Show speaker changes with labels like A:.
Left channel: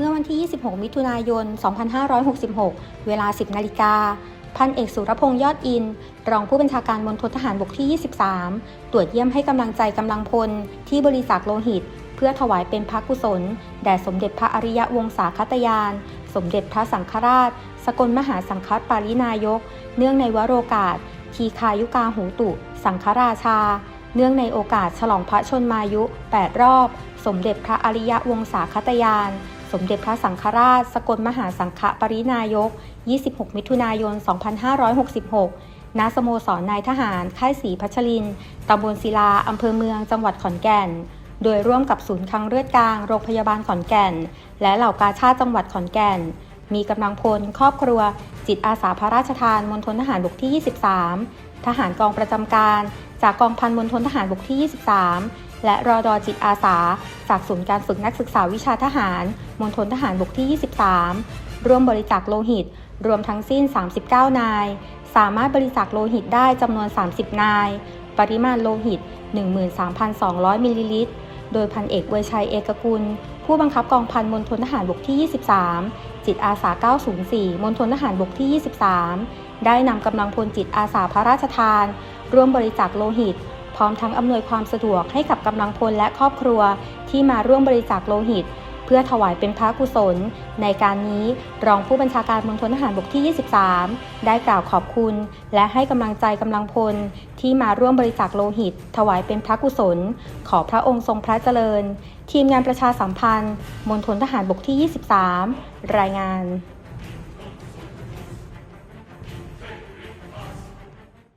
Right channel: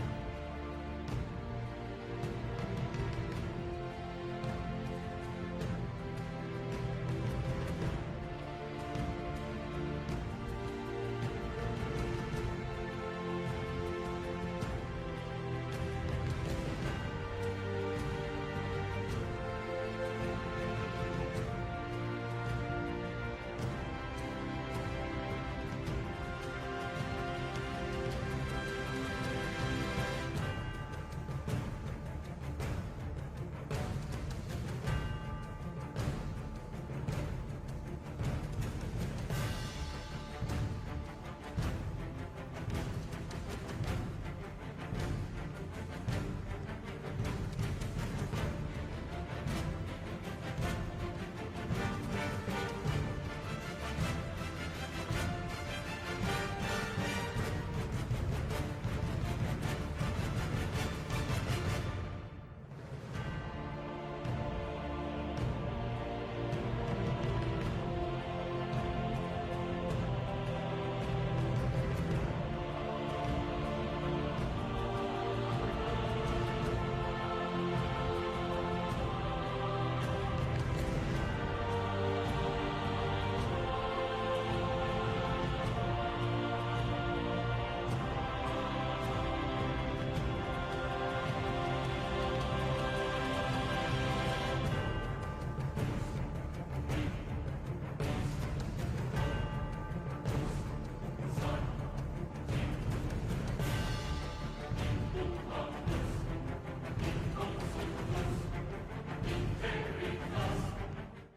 A: เมื่อวันที่ 26 มิถุนายน 2566 เวลา 10 นาฬิกา พันเอกสุรพงษ์ยอดอิน รองผู้บัญชาการมณฑลทหารบกที่ 23 ตรวจเยี่ยมให้กำลังใจกำลังพล ที่บริจาคโลหิต เพื่อถวายเป็นพระกุศล แด่สมเด็จพระอริยวงศาคตยาน สมเด็จพระสังฆราช สกลมหาสังฆปารินายก เนื่องในวโรกาสทีคายุกาหูตุ สังฆราชา เนื่องในโอกาสฉลองพระชนมายุ 8 รอบ สมเด็จพระอริยวงศาคตยาน สมเด็จพระสังฆราช สกลมหาสังฆปรินายก 26 มิถุนายน 2566 ณ สโมสรนายทหาร ค่ายศรีพัชริน ตำบลศิลา อำเภอเมือง จังหวัดขอนแก่น โดยร่วมกับศูนย์คังเลือดกลาง โรงพยาบาลขอนแก่น และเหล่ากาชาติจังหวัดขอนแก่น มีกำลังพล ครอบครัว จิตอาสาพระราชทานมณฑลทหารบกที่ 23 ทหารกองประจำการ จากกองพันมณฑลทหารบกที่ 23 และรอดอจิตอาสา จากศูนย์การฝึกนักศึกษาวิชาทหารมณฑลทหารบกที่ 23 ร่วมบริจาคโลหิต รวมทั้งสิ้น 39 นาย สามารถบริจาคโลหิตได้จำนวน 30 นาย ปริมาณโลหิต 13,200 มิลลิลิตร โดยพันเอกเวชัยเอกกุล ผู้บังคับกองพันมณฑลทหารบกที่ 23 จิตอาสา 904 มณฑลทหารบกที่ 23 ได้นำกำลังพลจิตอาสาพระราชทาน ร่วมบริจาคโลหิต พร้อมทั้งอำนวยความสะดวกให้กับกำลังพลและครอบครัวที่มาร่วมบริจาคโลหิต เพื่อถวายเป็นพระกุศล ในการนี้รองผู้บัญชาการมณฑลทหารบกที่ 23 ได้กล่าวขอบคุณ และให้กำลังใจกำลังพล ที่มาร่วมบริจาคโลหิต ถวายเป็นพระกุศล ขอพระองค์ทรงพระเจริญ ทีมงานประชาสัมพันธ์มณฑลทหารบกที่ 23 รายงาน